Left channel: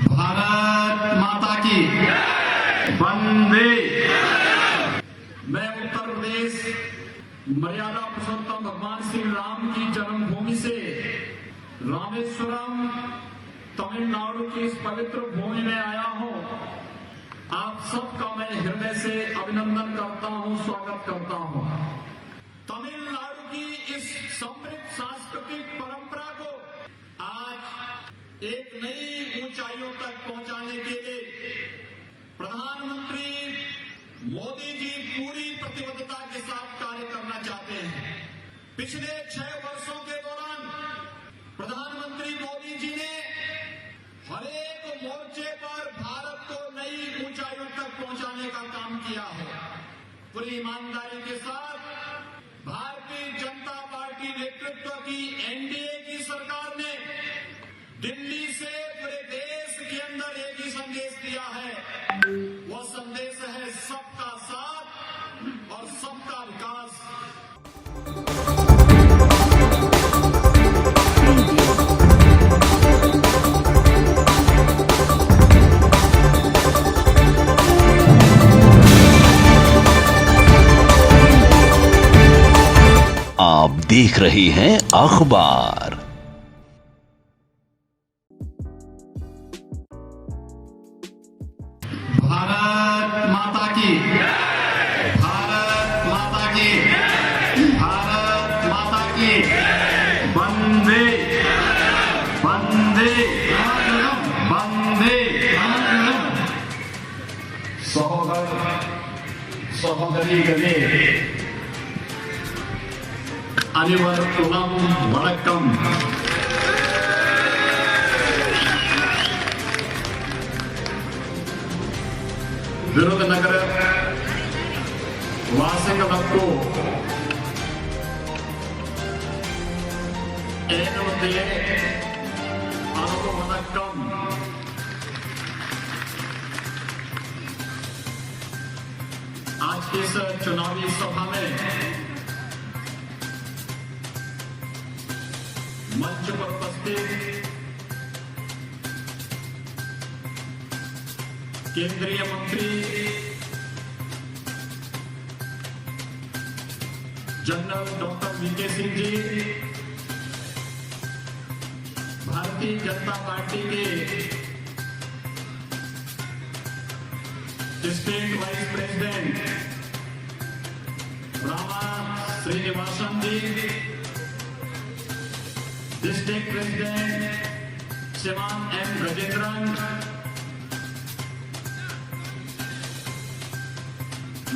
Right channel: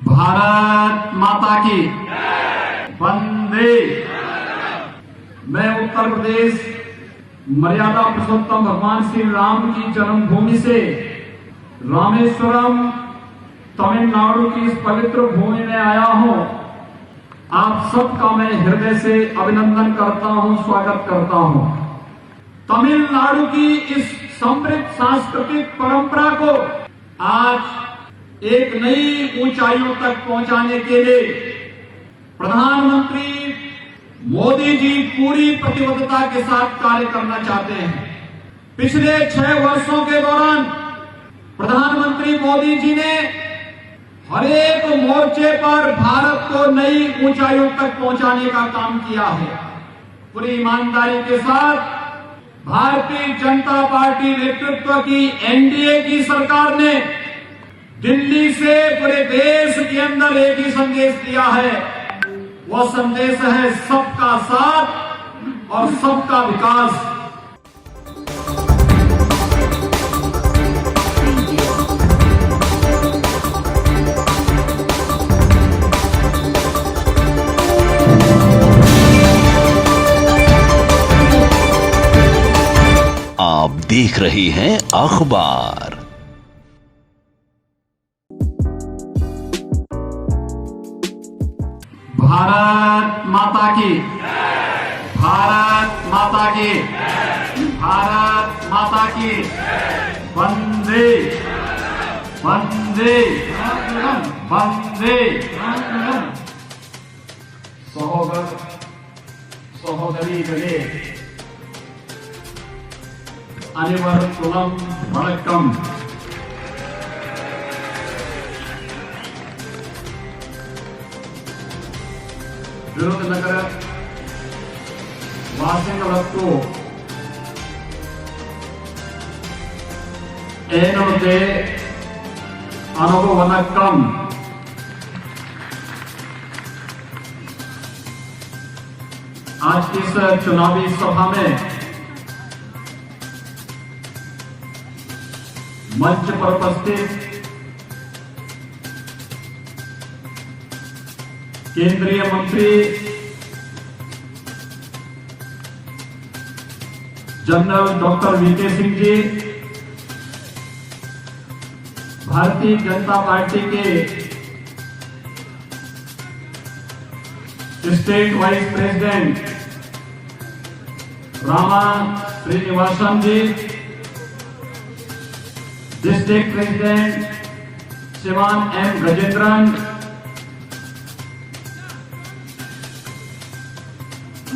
भारत माता की वंदे। मैं उत्तर प्रदेश मर्यादा पुरुषोत्तम भगवान श्री राम की जन्मभूमि से रामेश्वरम तमिलनाडु की इस पवित्र भूमि में आया हूं। आप सबका मैं हृदय से अभिनंदन करता हूं, स्वागत करता हूं। तमिलनाडु की इस समृद्ध सांस्कृतिक परंपरा को आज एक नई ऊंचाइयों तक पहुंचाने के लिए प्रधानमंत्री मोदी जी पूरी प्रतिबद्धता के साथ कार्य करना चाहते हैं। पिछले 6 वर्षों के दौरान प्रधानमंत्री मोदी जी ने हर एक मोर्चे पर भारत को नई ऊंचाइयों तक पहुंचाने का काम किया है। पूरी ईमानदारी के साथ भारतीय जनता पार्टी नेतृत्व की एनडीए की सरकार ने दिल्ली से पूरे देश के अंदर एक ही संदेश दिया है। वह संदेश है सबका साथ और सबका विकास। आप देख रहे हैं अखबार। भारत माता की, भारत माता की, भारत माता की वंदे वंदे वंदे। सहोदर सहोदरीகளே, அனைவருக்கும் வணக்கம்। ವಿರುಧನಗರ ವಾಸಿಗಳಕ್ಕೂ ಏನಂತೆ ಅನುಭವನಕ್ಕಂ। आज की इस चुनावी सभा में मंच पर उपस्थित केंद्रीय मंत्री general doctor VK Singh ji, Bharatiya Janata Party के state vice president Rama Srinivasan ji, district president Shivan M Gajendran,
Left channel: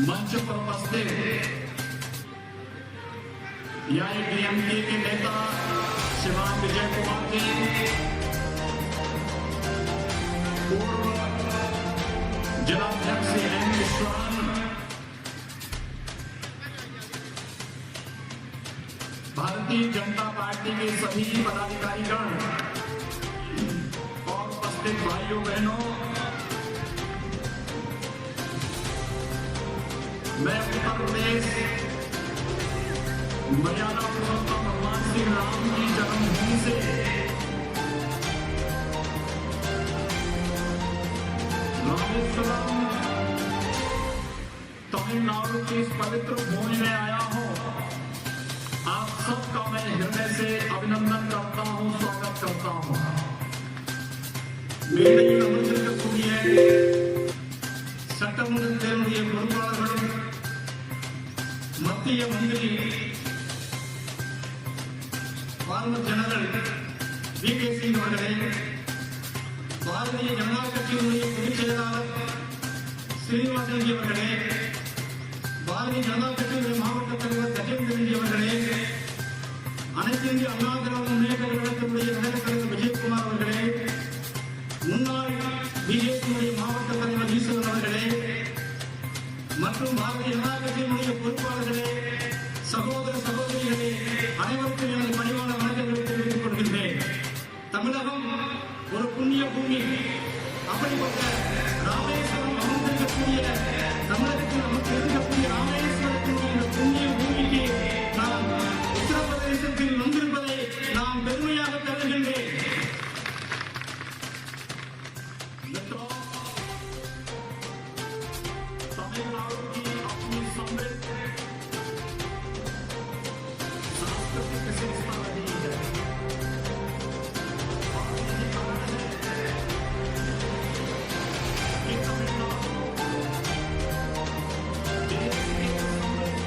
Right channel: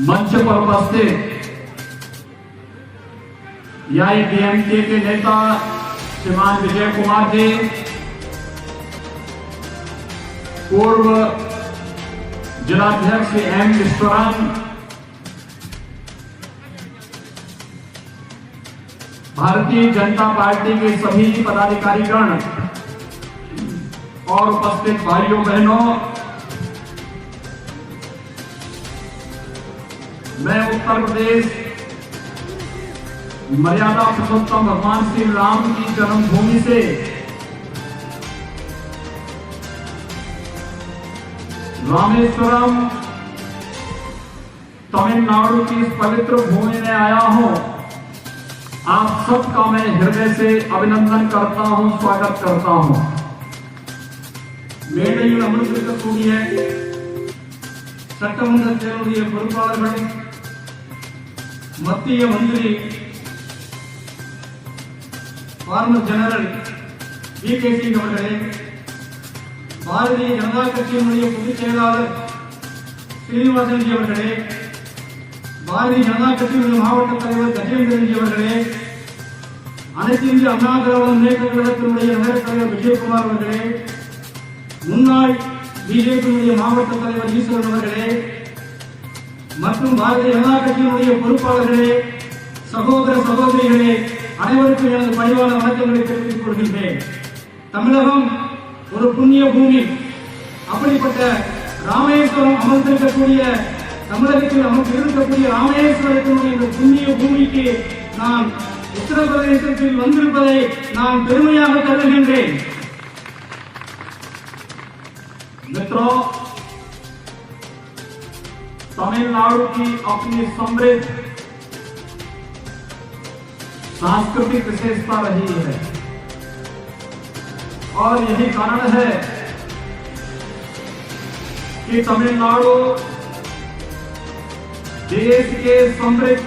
मंच पर उपस्थित एआईएडीएमके के नेता श्रीमान विजय कुमार जी, पूर्व जिलाध्यक्ष एम विश्वरन, भारतीय जनता पार्टी के सभी पदाधिकारीगण और उपस्थित भाइयों बहनों, मैं उत्तर प्रदेश मर्यादा पुरुषोत्तम भगवान श्री राम की जन्मभूमि से रामेश्वरम तमिलनाडु की इस पवित्र भूमि में आया हूं। आप सबका मैं हृदय से अभिनंदन करता हूं, स्वागत करता हूं। மேடையில் அமர்ந்திருக்கக்கூடிய சட்டமன்றத்தினுடைய பொறுப்பாளர்கள், மத்திய மந்திரி ஃபார்மர் ஜெனரல் வி.கே. சிங் அவர்களே, பாரதிய ஜனதா கட்சியினுடைய பொதுச் செயலாளர் ஸ்ரீனிவாசன் ஜி அவர்களே, பாரதிய ஜனதா கட்சியினுடைய மாவட்ட தலைவர் கஜேந்திரன் ஜி அவர்களே, அனைத்து இந்திய அண்ணா திராவிட முன்னேற்ற கழகத்தினுடைய நகரத் தலைவர் விஜயகுமார் அவர்களே, முன்னாள் பிஜேபியினுடைய மாவட்ட தலைவர் ஈஸ்வரன் அவர்களே மற்றும் பாரதிய ஜனதா கட்சியினுடைய பொறுப்பாளர்களே, சகோதர சகோதரிகளே, அனைவருக்கும் எனது பணிவான வணக்கங்களை தெரிவித்துக் கொள்கின்றேன்। தமிழகம் ஒரு புண்ணிய பூமி. அப்படிப்பட்ட ராமேஸ்வரம் அமர்ந்திருக்கக்கூடிய, தமிழகத்தில் அமர்ந்திருக்கக்கூடிய ராமேஸ்வரத்தினுடைய இந்த புண்ணிய பூமிக்கு நான் உத்தரப்பிரதேசத்தில் வந்திருப்பதை நான் பெருமையாக கருதுகின்றேன்। मित्रों, तमिलनाडु की अपनी समृद्ध सांस्कृतिक विशेषता रही है और यही कारण है कि तमिलनाडु देश के समृद्ध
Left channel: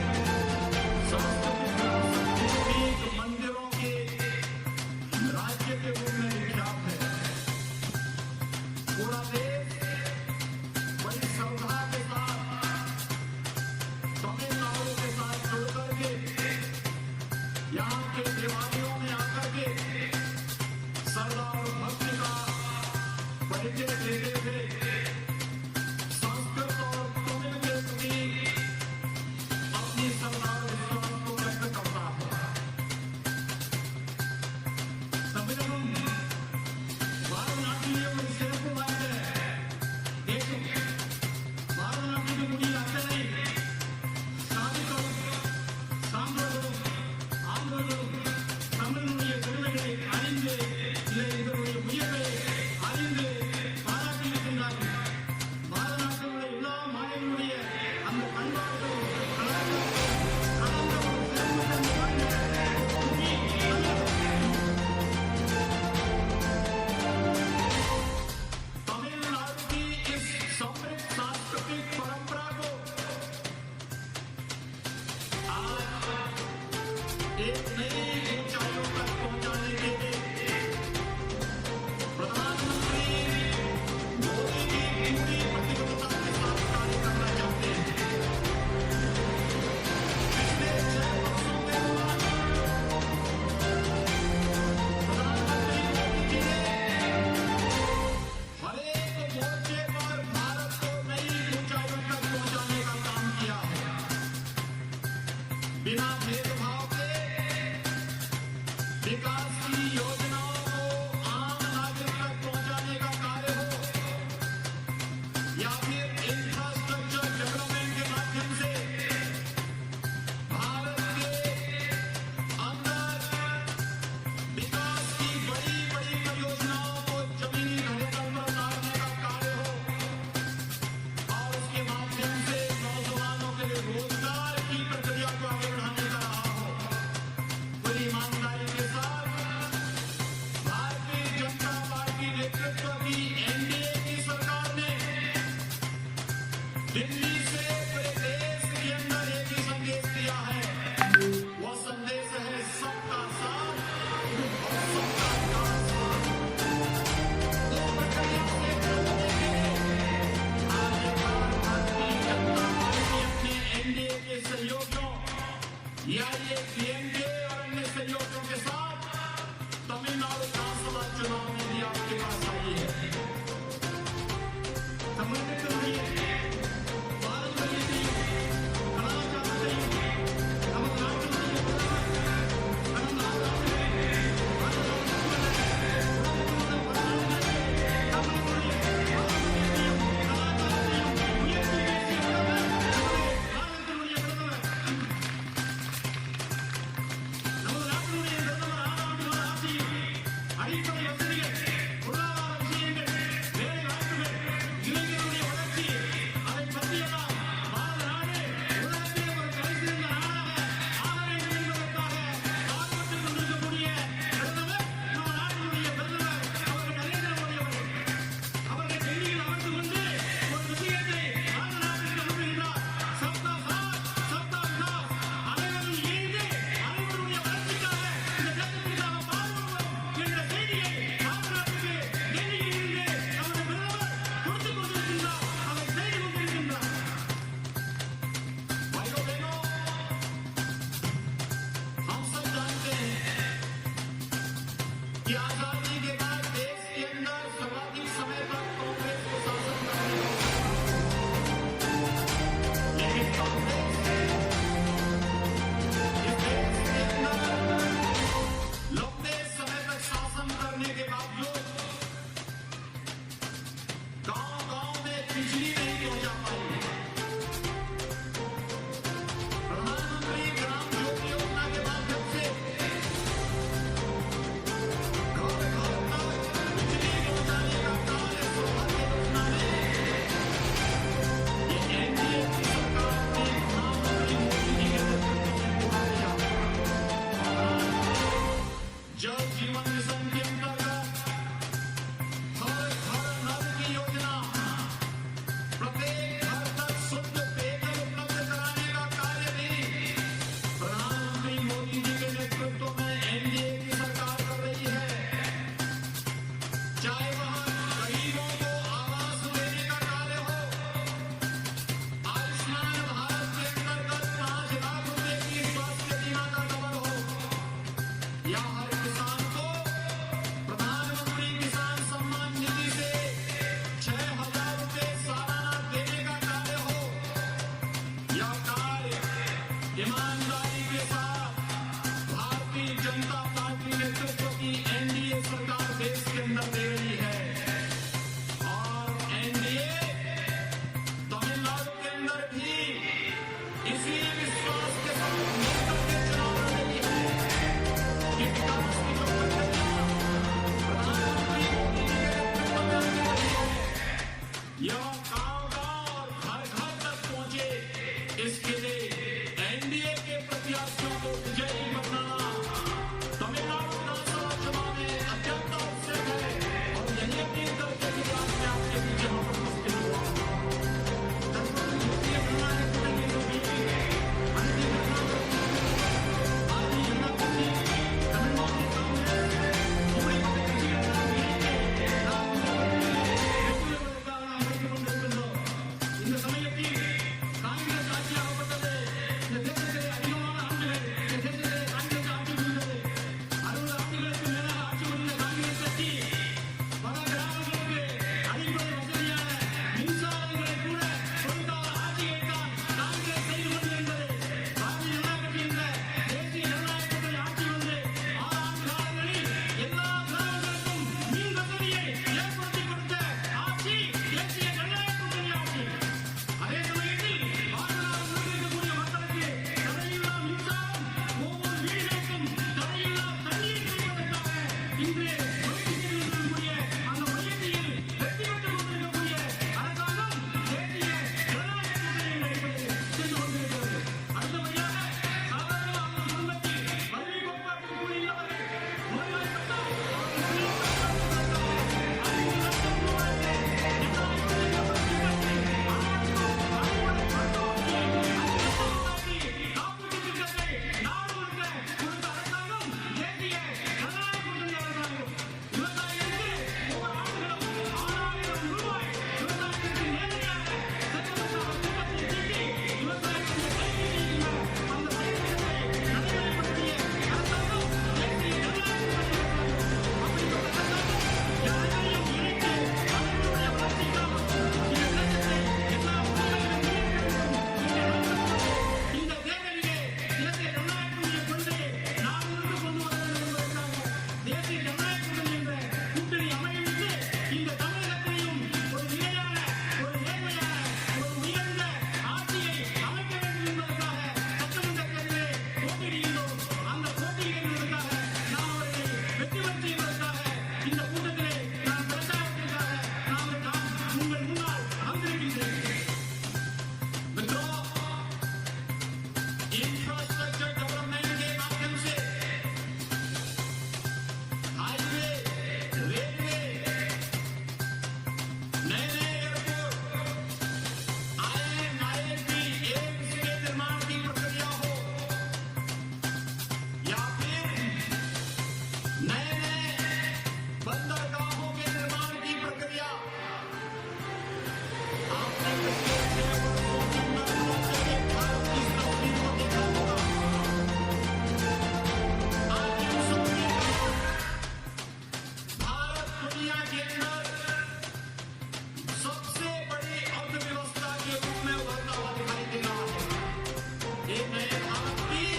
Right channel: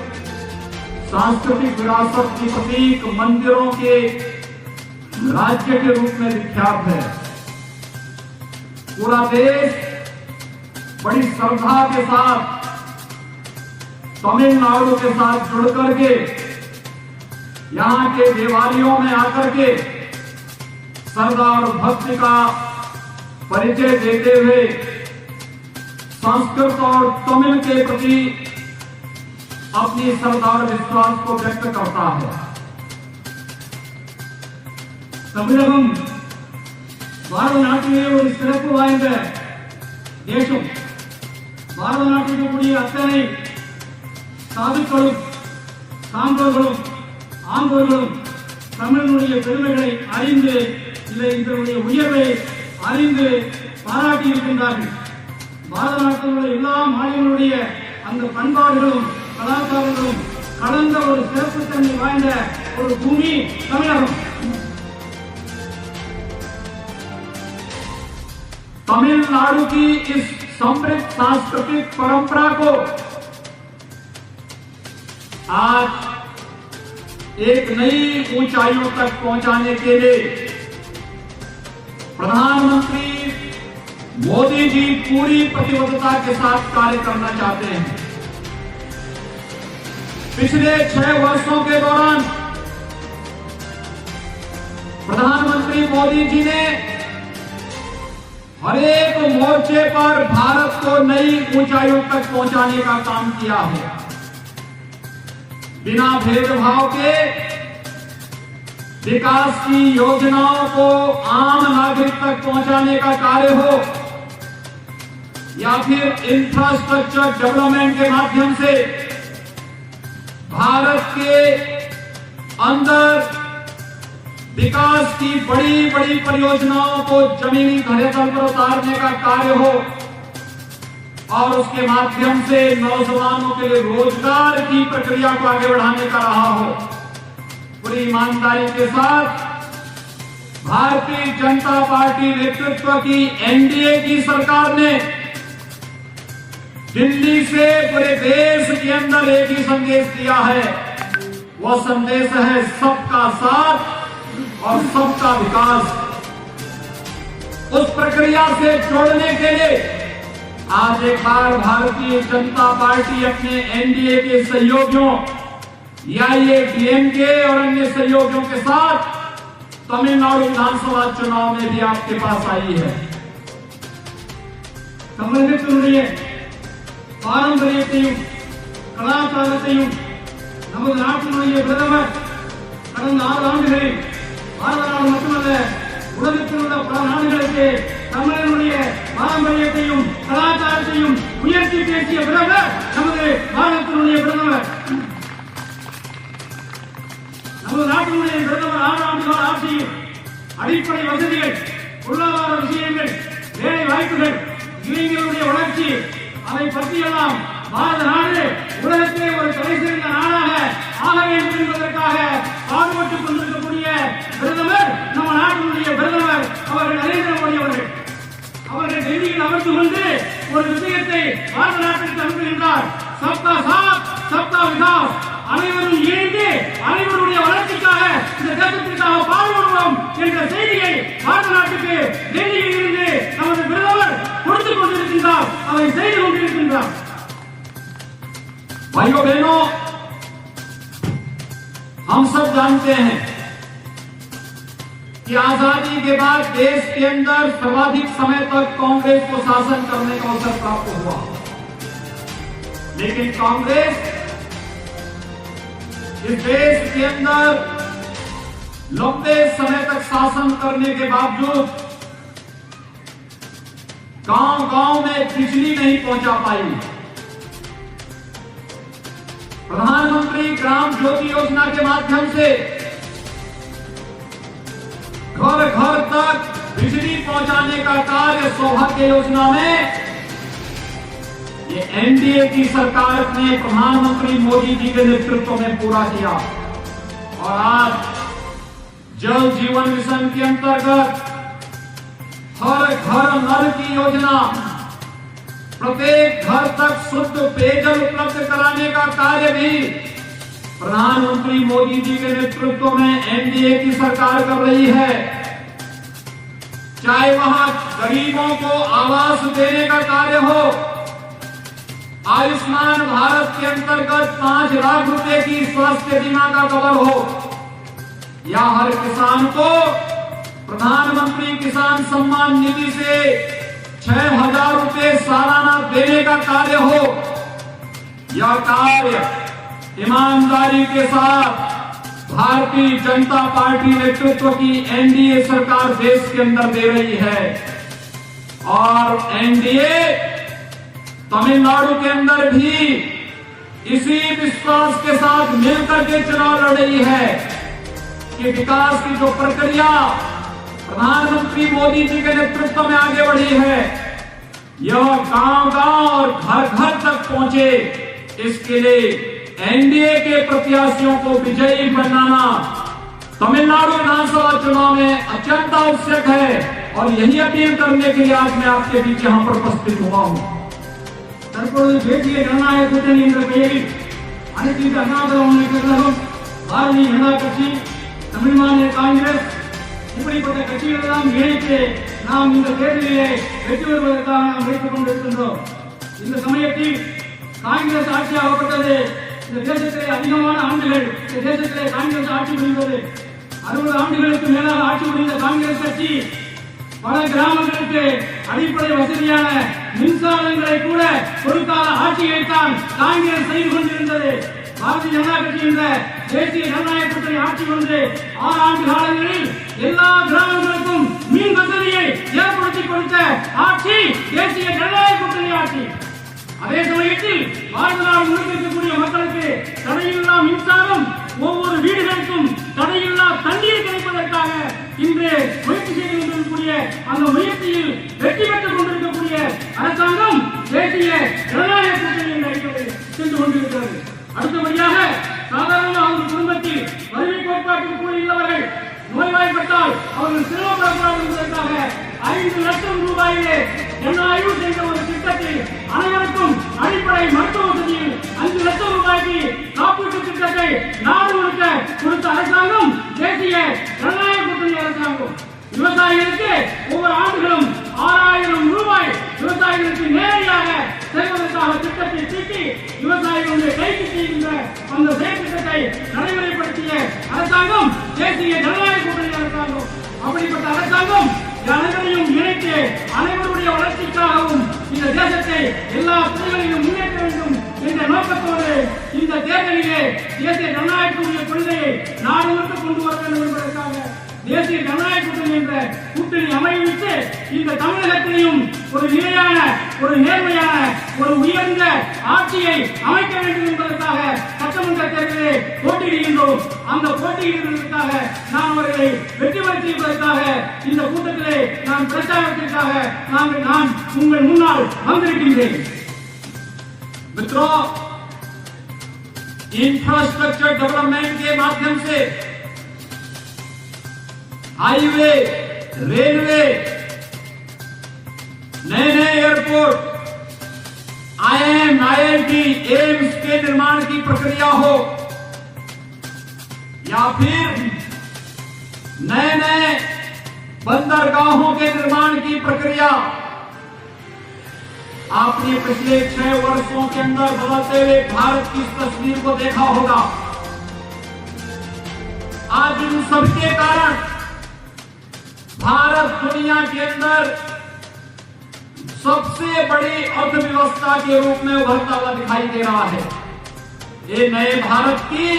सांस्कृतिक विरासत के प्रतीक मंदिरों के राज्य के रूप में विख्यात है। पूरा देश बड़ी श्रद्धा के साथ तमिलनाडु के साथ जुड़ करके यहाँ के देवालयों में आकर के श्रद्धा और भक्ति का परिचय देते हुए संस्कृत और तमिल के प्रति अपनी श्रद्धा और विश्वास को व्यक्त करता है। தமிழகம் பாரத நாட்டிலே ஒரு சிறப்பு வாய்ந்த தேசம். பாரத நாட்டில் இருக்கக்கூடிய அத்தனை சாதுக்களும் சான்றோர்களும் ஆண்டோர்களும் தமிழனுடைய பெருமைகளை அறிந்து இதனுடைய உயர்வை அறிந்து பாராட்டி இருக்கின்றார்கள். பாரத நாட்டில் உள்ள எல்லா மாநிலங்களுடைய அந்த பண்பாடுகளும் கலாச்சாரங்களும் கலந்த ஒரு சிறப்புத்தன்மை வாய்ந்த ஒரு பூமி தமிழகம். तमिलनाडु की इस समृद्ध सांस्कृतिक परंपरा को आज एक नई ऊंचाइयों तक पहुंचाने के लिए प्रधानमंत्री मोदी जी पूरी प्रतिबद्धता के साथ कार्य करना चाहते हैं। पिछले 6 वर्षों के दौरान प्रधानमंत्री मोदी जी ने हर एक मोर्चे पर भारत को नई ऊंचाइयों तक पहुंचाने का काम किया है। बिना भेदभाव के विकास की योजनाओं को आम नागरिक तक पहुंचाने का कार्य हो या फिर इंफ्रास्ट्रक्चर डेवलपमेंट के माध्यम से भारत के अंदर विकास की बड़ी बड़ी परियोजनाओं को जमीनी धरातल पर उतारने का कार्य हो और उसके माध्यम से नौजवानों के लिए रोजगार की प्रक्रिया को आगे बढ़ाने का रहा हो। पूरी ईमानदारी के साथ भारतीय जनता पार्टी नेतृत्व की एनडीए की सरकार ने दिल्ली से पूरे देश के अंदर एक ही संदेश दिया है। वह संदेश है सबका साथ और सबका विकास। उस प्रक्रिया से जोड़ने के लिए आज एक बार भारतीय जनता पार्टी अपने एनडीए के सहयोगियों एआईएडीएमके और अन्य सहयोगियों के साथ तमिलनाडु विधानसभा चुनाव में भी आपके पास आई है। தமிழகத்தினுடைய பாரம்பரியத்தையும் கலாச்சாரத்தையும் நமது நாட்டினுடைய பிரதமர் கடந்த 6 ஆண்டுகளில் பாரத நாடு மட்டுமல்ல உலகத்தில் உள்ள பல நாடுகளுக்கு தமிழனுடைய பாரம்பரியத்தையும் கலாச்சாரத்தையும் உயர்த்தி பேசிய பிரதமர் நமது பாரதத்தினுடைய பிரதமர். நமது நாட்டினுடைய பிரதமர் 6 ஆண்டுகால ஆட்சியில் அடிப்படை வசதிகள், பொருளாதார விஷயங்கள், வேலை வாய்ப்புகள், இளைஞர்களுடைய வளர்ச்சி, அதை பற்றியெல்லாம் பாரத நாடு உலகத்திலே ஒரு தலைசிறந்த நாடாக ஆக வேண்டும் என்பதற்காக பாடுபட்டுக் கொண்டிருக்கக்கூடிய பிரதமர் நம்ம நாட்டினுடைய பிரதமர் அவர்கள் நரேந்திர மோடி அவர்கள். அவர்கள் டெல்லியில் அமர்ந்து கொண்டு ஒரு விஷயத்தை பாரத நாட்டிற்கு அனுப்புகின்றார். சப்கா சாத் சப்கா விகாஸ், அனைவரும் இணைந்து அனைவருடைய வளர்ச்சிக்காக இந்த தேசத்திற்காக பாடுபடுவோம் என்ற செய்தியை பாரத நாட்டுக்கு டெல்லியில் இருந்து நமது பிரதமர் கொடுத்துக் கொண்டிருக்கின்றார், அதை செய்து கொண்டிருக்கின்றார். भाइयों बहनों, हम सब जानते हैं कि आजादी के बाद देश के अंदर सर्वाधिक समय तक कांग्रेस को शासन करने का अवसर प्राप्त हुआ, लेकिन कांग्रेस इस देश के अंदर लंबे समय तक शासन करने के बावजूद गांव-गांव में बिजली नहीं पहुंचा पाई। प्रधानमंत्री ग्राम ज्योति योजना के माध्यम से घर घर तक बिजली पहुंचाने का कार्य सौभाग्य योजना में ये एनडीए की सरकार ने प्रधानमंत्री मोदी जी के नेतृत्व में पूरा किया। और आज जल जीवन मिशन के अंतर्गत हर घर नल की योजना, प्रत्येक घर तक शुद्ध पेयजल उपलब्ध कराने का कार्य भी प्रधानमंत्री मोदी जी के नेतृत्व में एनडीए की सरकार कर रही है। चाहे वहां गरीबों को आवास देने का कार्य हो, आयुष्मान भारत के अंतर्गत 5 लाख रुपए की स्वास्थ्य बीमा का कवर हो, या हर किसान को प्रधानमंत्री किसान सम्मान निधि से 6,000 रुपए सालाना देने का कार्य हो, यह कार्य ईमानदारी के साथ भारतीय जनता पार्टी नेतृत्व की एनडीए सरकार देश के अंदर दे रही है। और एनडीए तमिलनाडु के अंदर भी इसी विश्वास के साथ मिलकर के चुनाव लड़ रही है कि विकास की जो प्रक्रिया प्रधानमंत्री मोदी जी के नेतृत्व में आगे बढ़ी है, यह गांव-गांव और घर-घर तक पहुंचे। इसके लिए एनडीए के प्रत्याशियों को विजयी बनाना तमिलनाडु विधानसभा चुनाव में अत्यंत आवश्यक है। और यही अपील करने के लिए आज मैं आपके बीच यहाँ पर उपस्थित हुआ हूँ। தேசிய ஜனநாயக கூட்டணி என்ற பெயரில் அனைத்து இந்திய அண்ணா திராவிட கழகம், பாரதிய ஜனதா கட்சி, தமிழ் மாநில காங்கிரஸ் இப்படிப்பட்ட கட்சிகள் எல்லாம் இணைத்து நாம் இந்த தேர்தலிலே வெற்றி பெறுவதற்காக நாம் வைத்துக் கொண்டிருக்கின்றோம். இந்த சமயத்தில் காங்கிரஸ் ஆட்சி ஆகப்பட்டது. இந்த தேசத்திலே அதிகமான ஆண்டுகள் இந்த தேசத்திலே காங்கிரஸ் ஆட்சி புரிந்தது. 60 ஆண்டுகளுக்கு மேலாக ஆட்சி புரிந்த காங்கிரஸ் கட்சி பல கிராமங்களுக்கு அடிப்படை வசதியான மின்சாரங்களை கூட கொடுக்காத ஆட்சியைத்தான் காங்கிரஸ் செய்து கொண்டிருந்தது. பாரதிய ஜனதா கட்சி என்ற தேசிய ஜனநாயக கூட்டணி ஆட்சி வந்து 6 ஆண்டு காலங்களில் எல்லா கிராமங்களுக்கும் மின் வசதியை ஏற்படுத்தி கொடுத்த ஆட்சி தேசிய ஜனநாயக கூட்டணி ஆட்சி. அதே சமயத்தில் பாரத நாடு முழுக்க இருக்கக்கூடிய மக்களுக்கு தடையில்லா மின்சாரம், ஒவ்வொரு வீடுகளுக்கும் தடையில்லா தண்ணீர் கிடைப்பதற்காக இன்று முயற்சி செய்து கொண்டிருக்கக்கூடிய அந்த முயற்சியில் வெற்றி பெற்றுக் கொண்டிருக்கக்கூடிய அரசாங்கம் தேசிய ஜனநாயக கூட்டணி என்ற அடிப்படையில் சென்று கொண்டிருக்கிறது. அடுத்தபடியாக சாதாரண அவர்கள் குடும்பத்தில் வறுமை கோட்பாட்டுக்கு கூடியுள்ளவர்கள் நோய்வாய்ப்பட்டால் அவர்கள் சிரமப்படக்கூடாது என்பதற்காக 5 லட்சம் ரூபாயிலே ஜனநாயக என்ற ஒரு திட்டத்தில் அனைவருக்கும் அடிப்படை மருத்துவ வசதியில் 5 லட்சம் ரூபாய்க்கு காப்பீட்டு திட்டத்தை நாடு முழுக்க கொடுத்த அரசாங்கம் தேசிய ஜனநாயக கூட்டணி அரசாங்கம். விவசாயிகளுக்கு ஒவ்வொரு ஆண்டுகளும் 6,000 ரூபாய் விவசாயிகளுக்கு நேரடியாக செல்வதற்காக திட்டத்தை தீட்டி விவசாயிகளுடைய கைக்கு செய்கின்ற அந்த செயற்திட்டத்தை நடைமுறைப்படுத்திய அரசாங்கம் தேசிய ஜனநாயக கூட்டணி அரசாங்கம். அப்படிப்பட்ட அரசாங்கம் அனைவரையும் இணைத்து அனைவருடைய வளர்ச்சிக்காகவும் இந்த தேசத்தை எல்லா புள்ளிகளிலும் முன்னேற்ற வேண்டும் என்ற நோக்கத்தோடு இந்த தேர்தலிலே தேசிய ஜனநாயக கொள்கையை நாடு முழுக்க கொண்டு வர வேண்டும் என்பதற்காக தேசிய ஜனநாயக கூட்டணி என்ற கூட்டணி அமைவித்து இந்த தமிழகத்திலையும் ஒரு நிலையான, ஒரு நேர்மையான, ஒரு உயர்ந்த ஆட்சியை அமைக்க வேண்டும் என்பதற்காக சட்டமன்ற தேர்தலிலே போட்டியிடுகின்றோம். அந்த போட்டியிடுவதற்காக நாம் அவர்களை வெற்றி பெற செய்வதற்காக இந்த கூட்டத்திலே நான் பிரச்சாரத்திற்காக நான் உங்கள் முன்னால் வந்திருக்கின்றேன். मित्रों, इंफ्रास्ट्रक्चर डेवलपमेंट के माध्यम से हाईवे, रेलवे, नए एयरपोर्ट, IIM, IIT, एम्स के निर्माण की प्रक्रिया हो, या फिर नए बंदरगाहों के निर्माण की प्रक्रिया, आपने पिछले 6 वर्षों के अंदर बदलते हुए भारत की इस तस्वीर को देखा होगा। आज इन सबके कारण भारत दुनिया के अंदर सबसे बड़ी अर्थव्यवस्था के रूप में उभरता हुआ दिखाई दे रहा है। ये नए भारत की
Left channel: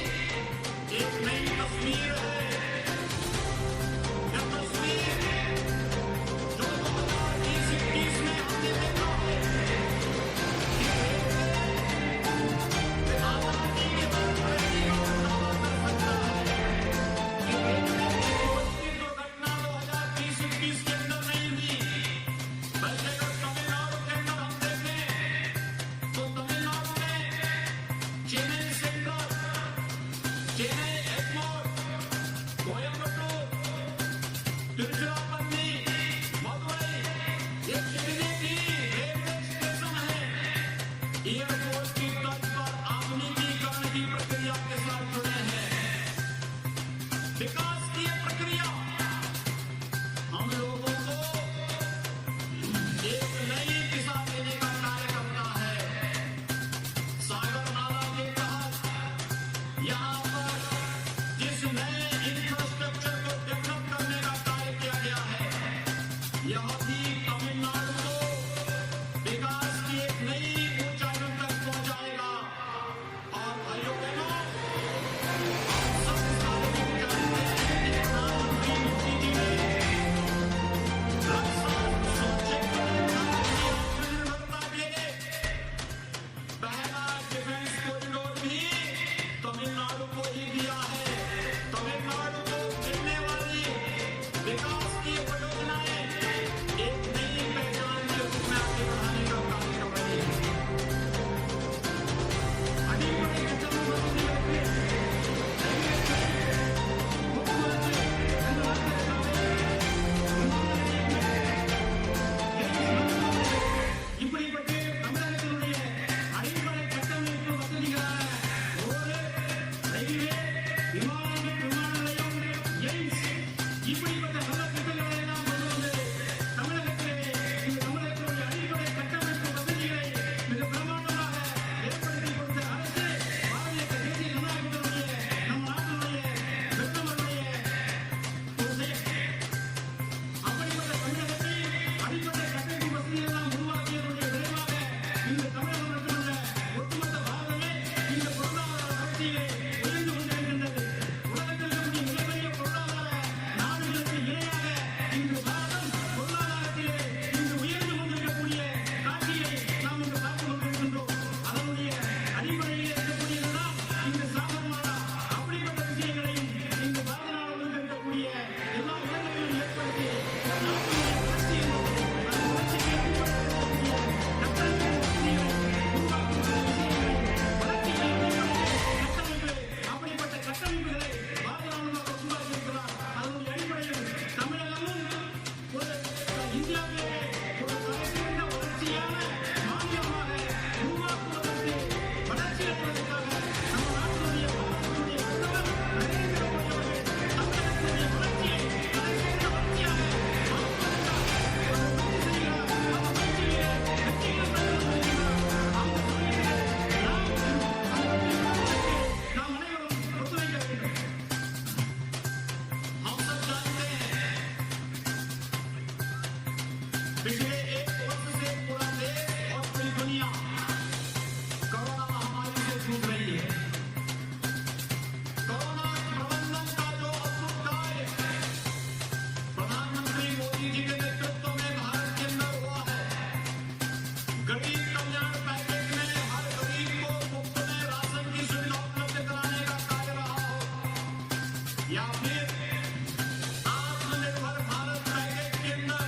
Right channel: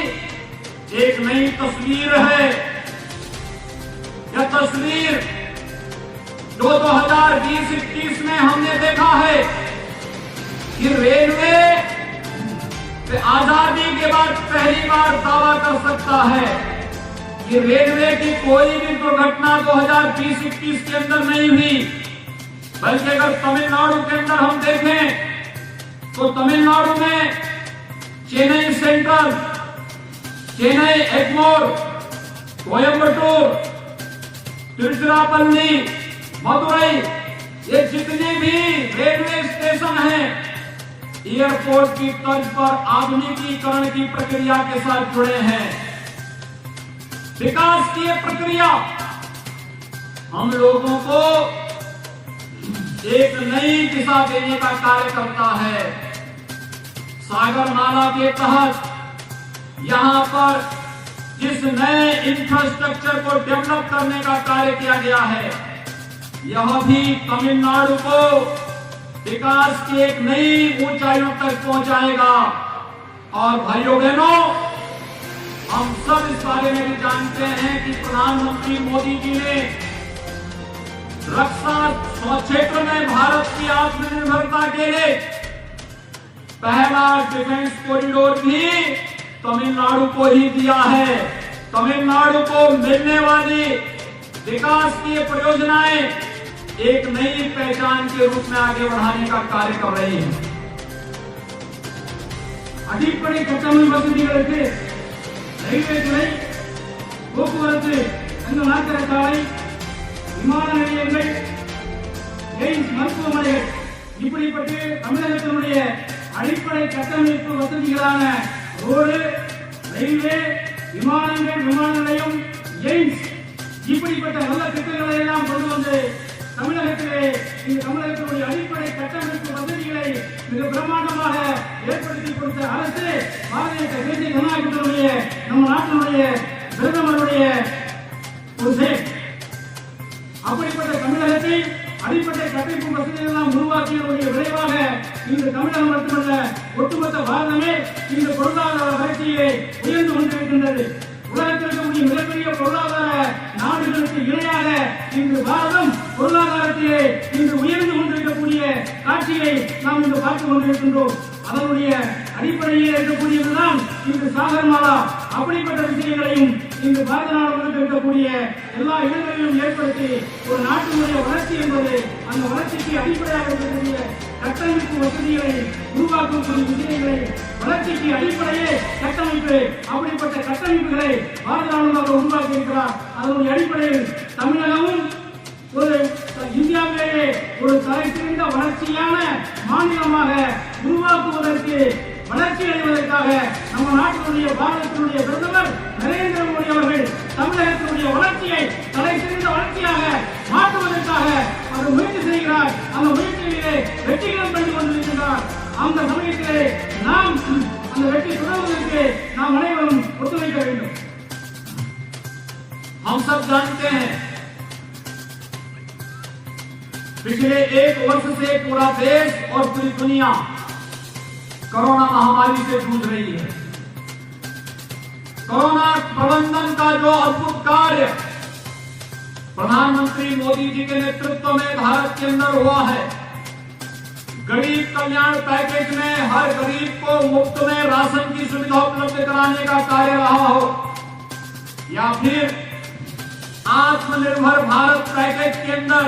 एक नई तस्वीर है। यह तस्वीर जो 2020-21 में हमने देखा है कि रेलवे आजादी के बाद पहली बार दावा कर सकता है कि रेलवे की कोई भी दुर्घटना 2020-21 के अंदर नहीं हुई, बल्कि अगर तमिलनाडु के अंदर हम देखें तो तमिलनाडु में चेन्नई सेंट्रल, चेन्नई एग्मोर, कोयम्बटूर, तिरुचिरापल्ली, मदुरई, ये जितने भी रेलवे स्टेशन हैं, एयरपोर्ट की तर्ज पर आधुनिकीकरण की प्रक्रिया के साथ जुड़े हैं। विकास की यह प्रक्रिया हम लोगों को एक नई दिशा देने का कार्य करता है। सागर माला के तहत यहां पर जिस नए इंफ्रास्ट्रक्चर को डेवलप करने का कार्य किया गया है, यह भी तमिलनाडु को विकास की एक नई ऊंचाइयों तक पहुंचाएगा। और भाइयों बहनों, हम सब इस बारे में भी जानते हैं कि प्रधानमंत्री मोदी जी ने रक्षा क्षेत्र में भारत की आत्मनिर्भरता के लिए पहला डिफेंस कॉरिडोर भी तमिलनाडु को ही दिया है। तमिलनाडु को मिलने वाली विकास की परियोजनाएं एक नई पहचान के रूप में आगे बढ़ाने का कार्य कर रही है। அடிப்படை கட்டமைப்பு வசதிகளுக்கு ரயில்வே துறை, போக்குவரத்து, நகர சாலை, விமான நிலையங்கள், எய்ம்ஸ் மருத்துவமனைகள் இப்படிப்பட்ட தமிழகத்தினுடைய அடிப்படை கட்டமைப்பு வசதிகளான ரோடு, ரயில்வே, விமானங்கள், விமான நிலையம், எய்ம்ஸ் இப்படிப்பட்ட நல்ல திட்டங்களை எல்லாம் கொண்டு வந்து தமிழகத்திலே இந்த தமிழகத்தினுடைய அடிப்படை கட்டமைப்பு வசதிகளை மிக பிரம்மாண்டமாக ஏற்படுத்தி கொடுத்த அரசு பாரதிய தேசிய ஜனநாயக கூட்டணியுடைய நம்ம நாட்டினுடைய பிரதமருடைய ஒரு செயல். அப்படிப்பட்ட தமிழகத்தில் அடிப்படை கட்டமைப்பு வசதிகள் எல்லாம் உருவாக்கியதனுடைய விளைவாக இன்று தமிழகம் மட்டுமல்ல, ஒட்டுமொத்த பாரதமே இந்த பொருளாதார வளர்ச்சியிலே உயர்ந்து கொண்டிருக்கின்றது. உலகத்தில் இருக்கக்கூடிய மிகப்பெரிய பொருளாதார நாடுகளுக்கு இணையாக இன்று பாரதம் பொருளாதாரத்திலே இன்று உயர்ந்து கொண்டிருக்கக்கூடிய காட்சியை நாம் இன்று பார்த்துக் கொண்டிருக்கின்றோம். அதனுடைய அடிப்படையில் இருக்கக்கூடியதுதான் இன்று சாகர் மாலா. அப்படிப்பட்ட விஷயங்களையும் இன்று பாரத நாடு இருக்கக்கூடிய எல்லா இடங்களிலும் ஏற்படுத்தி ஒரு நாட்டினுடைய வளர்ச்சி என்பது அந்த வளர்ச்சிக்கு அடிப்படையாக இருக்கக்கூடிய கட்டமைப்பு வசதிகளை உருவாக்கக்கூடிய விஷயங்களை, வளர்ச்சிக்கு அடிப்படையே கட்டமைப்பு, அப்படிப்பட்ட கட்டமைப்புகளை பாரத நாடு உருவாக்கி இருக்கிறார். அதனுடைய அடிப்படையில் தமிழகமும் ஒரு இந்தியாவிலேயே ஒரு தலைசிறந்த வளர்ச்சியான மாநிலமாக உருவாக்குவதற்கு, வளர்ச்சி அடைவதற்காக நம்ம நாட்டினுடைய பாரதத்தினுடைய பிரதமர் நரேந்திர மோடி அவர்கள் தமிழகத்தினுடைய வளர்ச்சியை தலைசிறந்த வளர்ச்சியாக மாற்றுவதற்காக அவர் முயற்சி செய்கிறார். அந்த முயற்சியிலே வெற்றிகளும் கண்டு கொண்டிருக்கிறார். அந்த சமயத்திலே நாம் அந்த வெற்றி பெறுவதற்கு நாம் அனைவரும் ஒத்துழைக்க வேண்டும். हम सब जानते हैं पिछले एक वर्ष से पूरा देश और पूरी दुनिया कोरोना महामारी से जूझ रही है। कोरोना प्रबंधन का जो अद्भुत कार्य प्रधानमंत्री मोदी जी के नेतृत्व में भारत के अंदर हुआ है, गरीब कल्याण पैकेज में हर गरीब को मुफ्त में राशन की सुविधा उपलब्ध कराने का कार्य रहा हो, या फिर आत्मनिर्भर भारत पैकेज के अंदर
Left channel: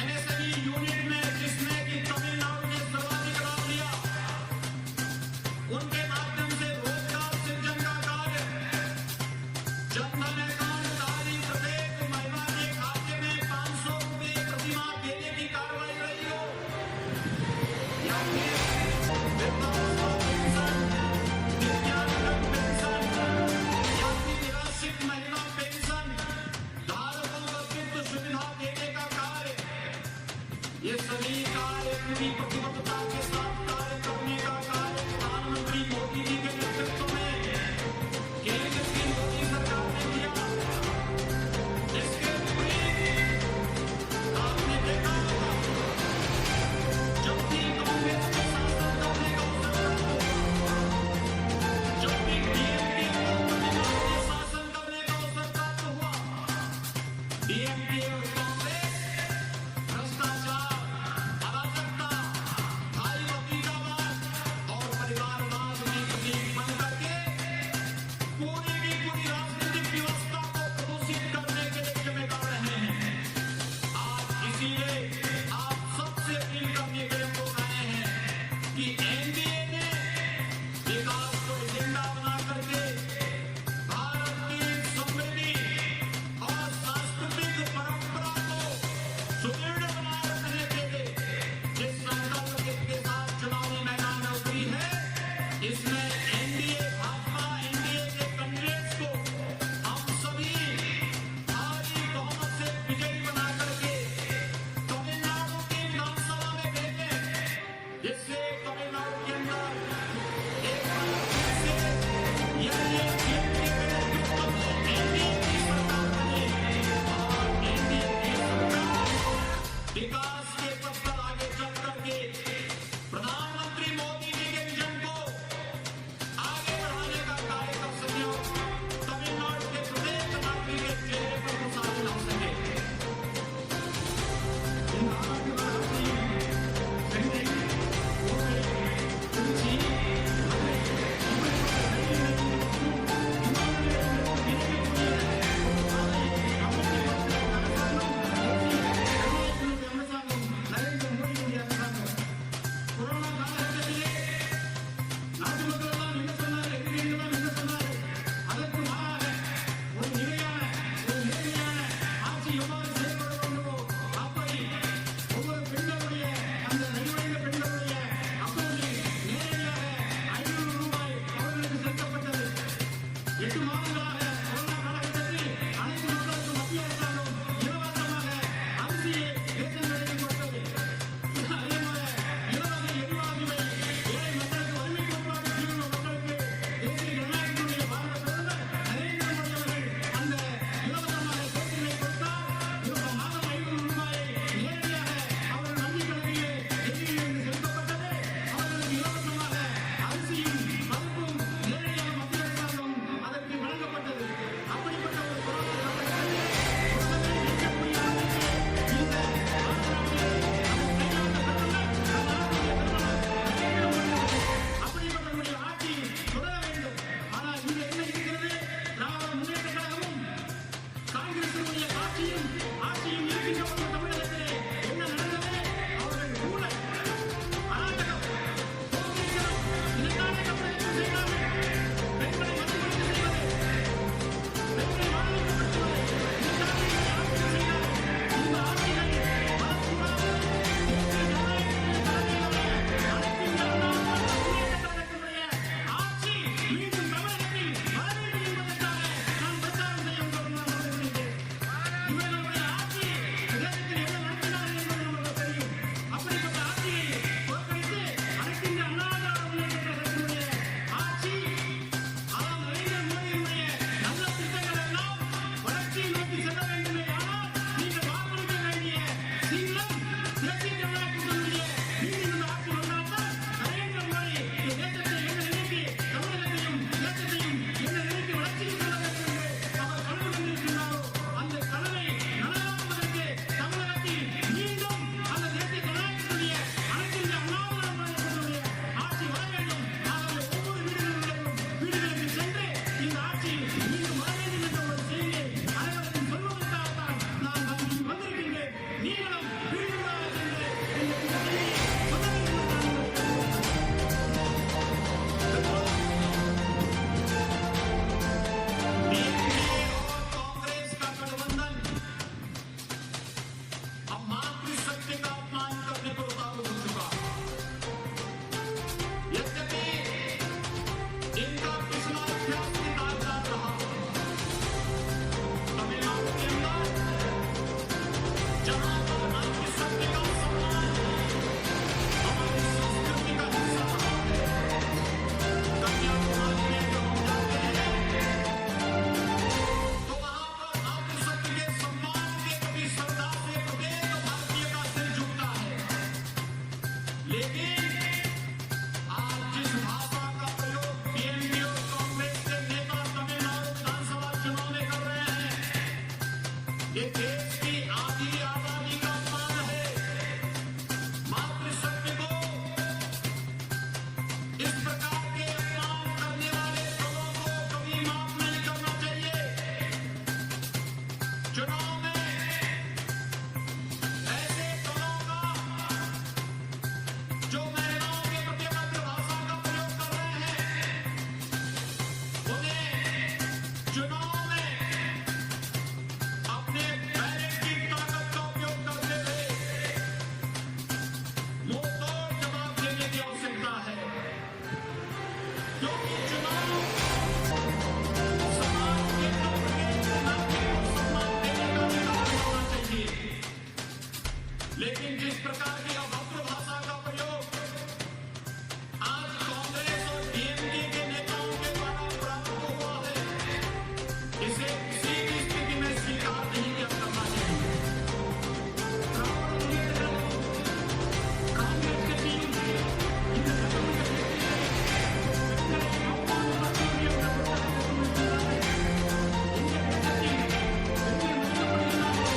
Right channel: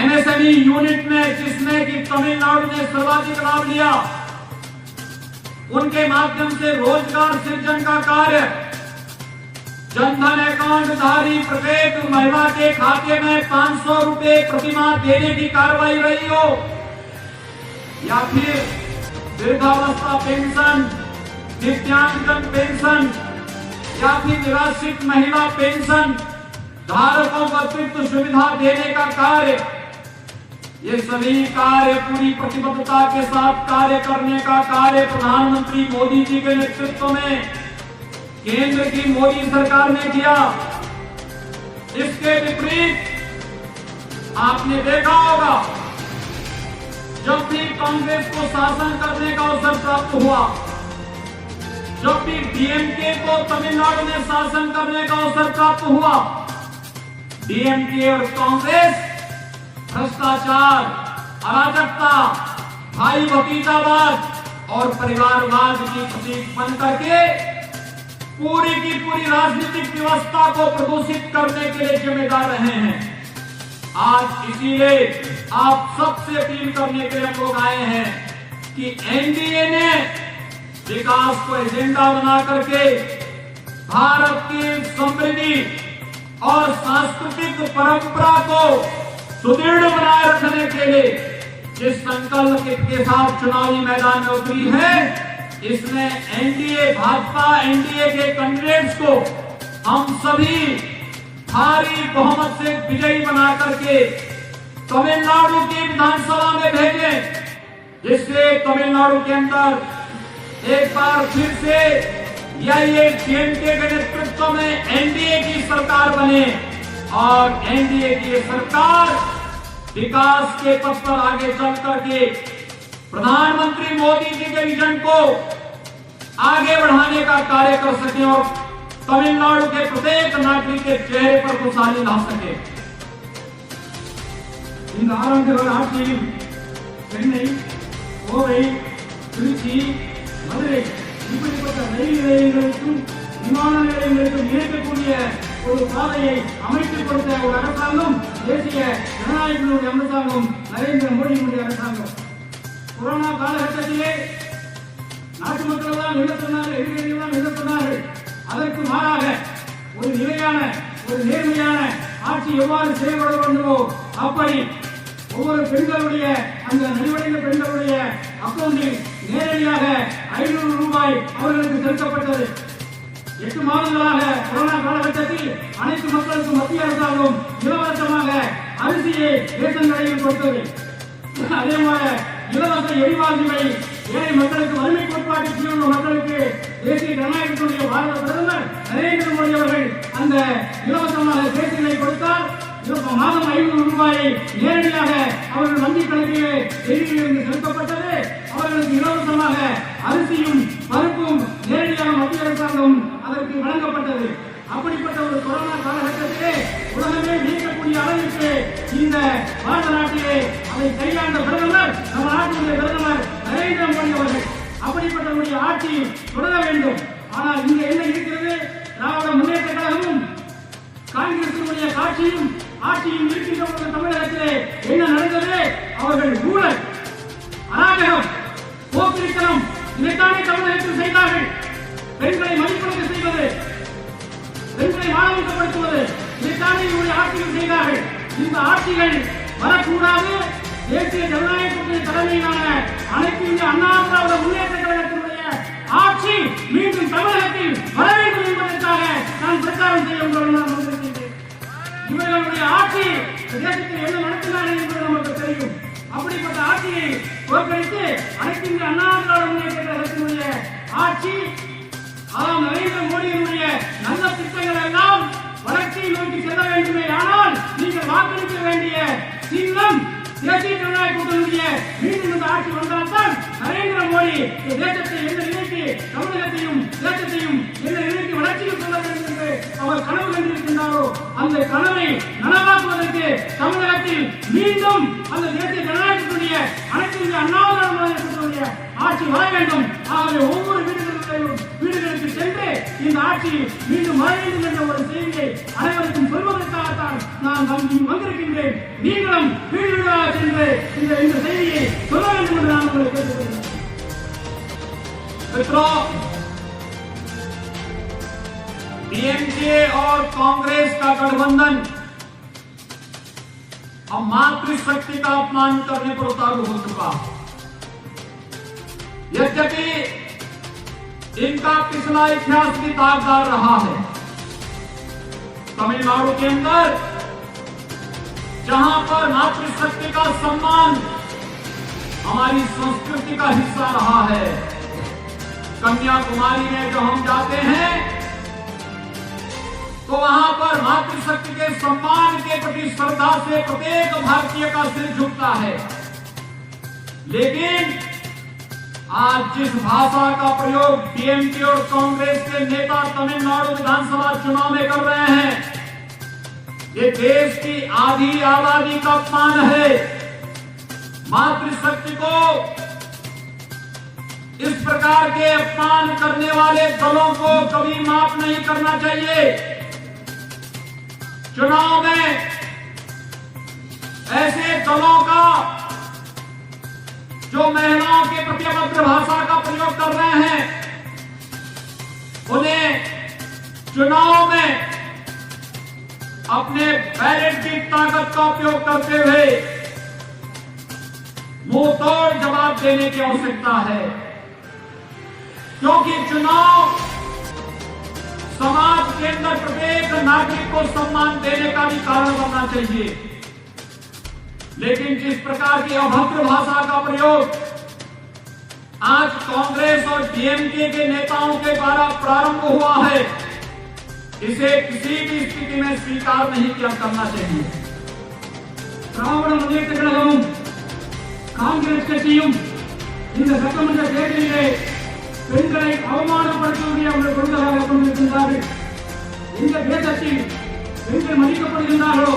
एमएसएमई यूनिट में जिसमें कि तमिलनाडु ने सर्वाधिक लाभ लिया, उनके माध्यम से रोजगार सृजन का कार्य, जनधन अकाउंट धारी प्रत्येक महिला के खाते में 500 रुपए प्रतिमाह देने की कार्रवाई रही हो, या फिर वृद्धावस्था पेंशन, दिव्यांगजन पेंशन, या फिर निराश्रित महिला पेंशन धारकों को अतिरिक्त सुविधा देने का कार्य, ये सभी कार्य पूरी प्रतिबद्धता के साथ कार्य करने का कार्य प्रधानमंत्री मोदी जी के नेतृत्व में केंद्र की मोदी सरकार ने किया। इसके विपरीत आपने देखा होगा, जब भी कांग्रेस को शासन करने का अवसर प्राप्त हुआ, जब भी डीएमके को तमिलनाडु में शासन करने का अवसर प्राप्त हुआ, डीएमके और कांग्रेस भ्रष्टाचार, अराजकता, भाई भतीजावाद और परिवारवाद की प्रतीक बन करके पूरी की पूरी राजनीतिक व्यवस्था को प्रदूषित करने के लिए जिम्मेदार रहे हैं। आज इसीलिए आप सबसे अपील करने के लिए लोग आए हैं कि एनडीए ने विकास को एजेंडा बना करके भारत की समृद्धि और सांस्कृतिक परंपरा को सुदृढ़ बनाए रखने के लिए जिस संकल्प के साथ चुनावी मैदान में उतरी है, इसमें एनडीए भाजपा एनडीए के कैंडिडेट्स को हम सभी भारी बहुमत से विजयी बना करके तमिलनाडु की विधानसभा में भेजें, जिससे तमिलनाडु के अंदर एक बार फिर से एआईएडीएमके के नेतृत्व में एनडीए की सरकार बने और एनडीए की सरकार विकास के पथ पर आगे चल करके प्रधानमंत्री मोदी जी के विजन को आगे बढ़ाने का कार्य कर सके और तमिलनाडु के प्रत्येक नागरिक के चेहरे पर खुशहाली ला सके। இந்த ஆரம்பிக்கிற ஆட்சியில் சென்னை, கோவை, திருச்சி, மதுரை இப்படிப்பட்ட ரயில் நிலையங்களுக்கும் விமான நிலையங்களுக்கும் இணைக்கக்கூடிய ஒரு பாதையை அமைத்துக் கொடுத்த ஒரு அரசாங்கம் தேசிய ஜனநாயகத்தினுடைய அரசாங்கம் நரேந்திர மோடியினுடைய அரசாங்கம். கொரோனா காலகட்டத்திலே நாட்டு மக்கள் தான் என்ன சொன்னார்கள், எதிரிகள் தான் என்ன சொன்னார்கள். அதற்கு மாறாக ஒரு நிலையான ஒரு நேர்மையான ஆட்சி எவ்வாறு செயல்பட வேண்டுமோ அப்படி ஒவ்வொரு பெண்களுடைய அந்த நலிவடைந்த பெண்களுடைய அக்கௌண்டில் நேரடியாக 500 ரூபாய் அவர்களுக்கு செலுத்தப்பட்டது. 8 மாதங்களாக கொரோனா காலகட்டத்தில் அனைத்து மக்களுக்கும் மத்திய அரசாங்கம் இலவசமாக அரிசியை ரேஷன் கடையில் கொடுத்தது. அதே போல இலவச எரிவாயுவை ஏழை மக்களுக்கு, வறுமை கோட்பாட்டு கீழ் உள்ள மக்களுக்கு தேசிய ஜனநாயகத்தினுடைய பாரத பிரதமர் நரேந்திர மோடி அவர்கள் அந்த இலவசமாக ரேஷனை கொடுத்தார். மாதம் 500 ரூபாயை நேரடியாக அவர்கள் வங்கிக் கணக்கிலே டெல்லியிலிருந்து செலுத்தப்பட்டது. அவர்களுக்கு இலவசமாக அரிசியும் பருப்பும் நேரடியாக மத்திய அரசாங்கம் அதற்கு வழங்கப்பட்டது. அப்படிப்பட்ட ஒரு கொரோனா காலகட்டத்திலே உலகமே வியக்கக்கூடிய அளவிற்கு இந்த பாரத நாட்டிலே அதை கையாண்ட பிரதமர் நம்ம நாட்டினுடைய பிரதமர் நரேந்திர மோடி அவர்கள். அப்படிப்பட்டவருடைய ஆட்சி தொடர வேண்டும். ஆனால் இங்க என்ன இருக்கிறது? திராவிட முன்னேற்ற கழகமும் காங்கிரசினுடைய ஆட்சியும் இருக்கின்ற ஒரு தமிழகத்திலே என்ன நடந்தது? அவர்கள் ஊழல், அராஜகம், போக்கிரித்தனம் இதைத்தானே தமிழகத்தில் செய்தார்கள். பெண்களை மதிப்பீடு செய்வது, பெண்களை மாணவிக்கப்படுத்துவது இதைத்தானே இவருடைய ஆட்சியில் செய்தார்கள். இந்த ஆட்சிகள் வரக்கூடாது. தேசிய ஜனநாயகத்தின் தலைமையிலான அனைத்து இந்திய அண்ணா திராவிட முன்னேற்ற கழகத்தினுடைய ஆட்சி மீண்டும் தமிழகத்தில் வர வேண்டும் என்பதற்காக நான் பிரச்சாரம் செய்ய வந்திருக்கின்றேன். இவர்களுடைய ஆட்சி தேசத்தில் என்ன நடத்தினார்கள் என்பது நமக்கு தெரியும். அப்படிப்பட்ட ஆட்சியை தோற்கடித்து அனைத்து இந்திய அண்ணா திராவிட முன்னேற்ற கழகத்தினுடைய ஆட்சி, நரேந்திர மோடியினுடைய நல்ல திட்டங்கள் எல்லாம் வளர்ச்சியை நோக்கி செல்ல வேண்டுமே. ஆனால் நீங்கள் வாக்களிக்க வேண்டிய சின்னம் தேசிய ஜனநாயக கூட்டணியுடைய மீண்டும் இந்த ஆட்சி வந்தால்தான் நரேந்திர மோடி தேசத்தை எந்த நிலைக்கு, தமிழகத்தையும் தேசத்தையும் எந்த நிலைக்கு வளர்ச்சியில் செல்ல வேண்டும் என்று அவர் கனவு கண்டிருக்கின்றாரோ அந்த கனவை நனவாக்குவதற்கு தமிழகத்தில் மீண்டும் அந்த தேசிய ஜனநாயகத்துடைய அனைத்து இந்திய அண்ணா திராவிட ஆட்சி வர வேண்டும். ஆகவே ஒவ்வொரு வீடுகளுக்கு சென்று இந்த ஆட்சி மீண்டும் வர வேண்டும் என்ற ஒரு செய்தியை அனைவருக்கும் சொல்வதற்காகத்தான் நான் வந்திருக்கின்றேன். நீங்களும் வீடு வீடாக சென்று இந்த செய்தியை சொல்ல வேண்டும் என்று நான் உங்களை கேட்டுக்கொள்கிறேன். डीएमके और कांग्रेस का गठबंधन अब मातृशक्ति का अपमान करने पर उतारू हो चुका। यद्यपि इनका पिछला इतिहास भी दागदार रहा है। तमिलनाडु के अंदर जहां पर मातृशक्ति का सम्मान हमारी संस्कृति का हिस्सा रहा है, कन्याकुमारी में जो हम जाते हैं तो वहां पर मातृशक्ति के सम्मान के प्रति श्रद्धा से प्रत्येक भारतीय का सिर झुकता है। लेकिन आज जिस भाषा का प्रयोग डीएमके और कांग्रेस के नेता तमिलनाडु विधानसभा चुनाव में कर रहे हैं, ये देश की आधी आबादी का अपमान है। मातृशक्ति को इस प्रकार के अपमान करने वाले दलों को कभी माफ नहीं करना चाहिए। चुनाव में ऐसे दलों का जो महिलाओं के प्रति अभद्र भाषा का प्रयोग कर रहे हैं, उन्हें चुनाव में अपने बैलेट की ताकत का उपयोग करते हुए मुंह तोड़ जवाब देने की आवश्यकता है, क्योंकि चुनाव समाज के अंदर प्रत्येक नागरिक को सम्मान देने का भी कारण बनना चाहिए। लेकिन जिस प्रकार की अभद्र भाषा का प्रयोग आज कांग्रेस और डीएमके के नेताओं के द्वारा प्रारंभ हुआ है, इसे किसी भी स्थिति में स्वीकार नहीं किया करना चाहिए। திராவிட முன்னேற்ற கழகமும் காங்கிரஸ் கட்சியும் இந்த சட்டமன்ற தேர்தலிலே பெண்களை அவமானப்படுத்துவதை அவர்கள் கொள்கையாக கொண்டிருக்கின்றார்கள். இந்த தேசத்தில் பெண்கள் மதிக்கப்படுகின்றார்களோ,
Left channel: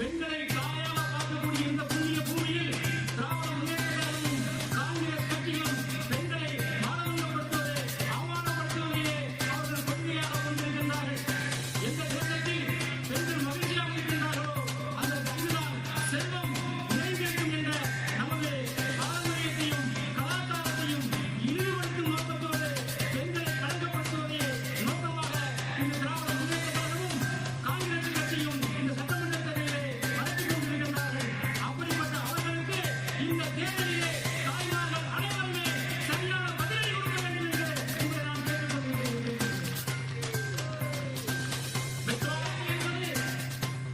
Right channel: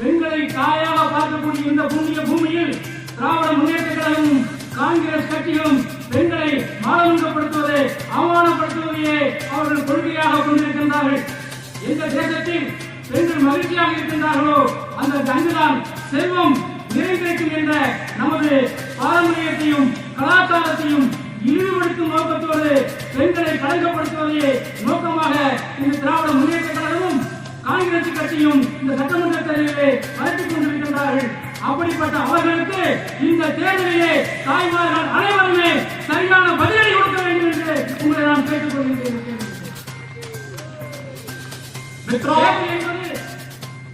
பெண்களை தாயாக பார்க்கக்கூடிய இந்த புண்ணிய பூமியில் திராவிட முன்னேற்ற கழகமும் காங்கிரஸ் கட்சிகளும் பெண்களை மானபங்கப்படுத்துவதை அவமானப்படுத்துவதையே அவர்கள் கொள்கையாக கொண்டிருக்கின்றார்கள். எந்த தேசத்தில் பெண்கள் மகிழ்ச்சியாக இருக்கின்றார்களோ அந்த அங்குதான் செல்வம் நிறைந்திருக்கும் என்ற நமது பாரம்பரியத்தையும் கலாச்சாரத்தையும் இழிவுபடுத்தும் நோக்கத்தோடு பெண்களை கலைக்கப்படுத்துவதையே நோக்கமாக இந்த திராவிட முன்னேற்ற கழகமும் காங்கிரஸ் கட்சியும் இந்த சட்டமன்ற தேர்தலிலே நடத்திக் கொண்டிருக்கின்றார்கள். அப்படிப்பட்ட அவர்களுக்கு இந்த தேர்தலிலே தாய்மார்கள் அனைவருமே சரியான பதிலடி கொடுக்க வேண்டும் என்று உங்களை நான் கேட்டுக் கொள்கிறேன்.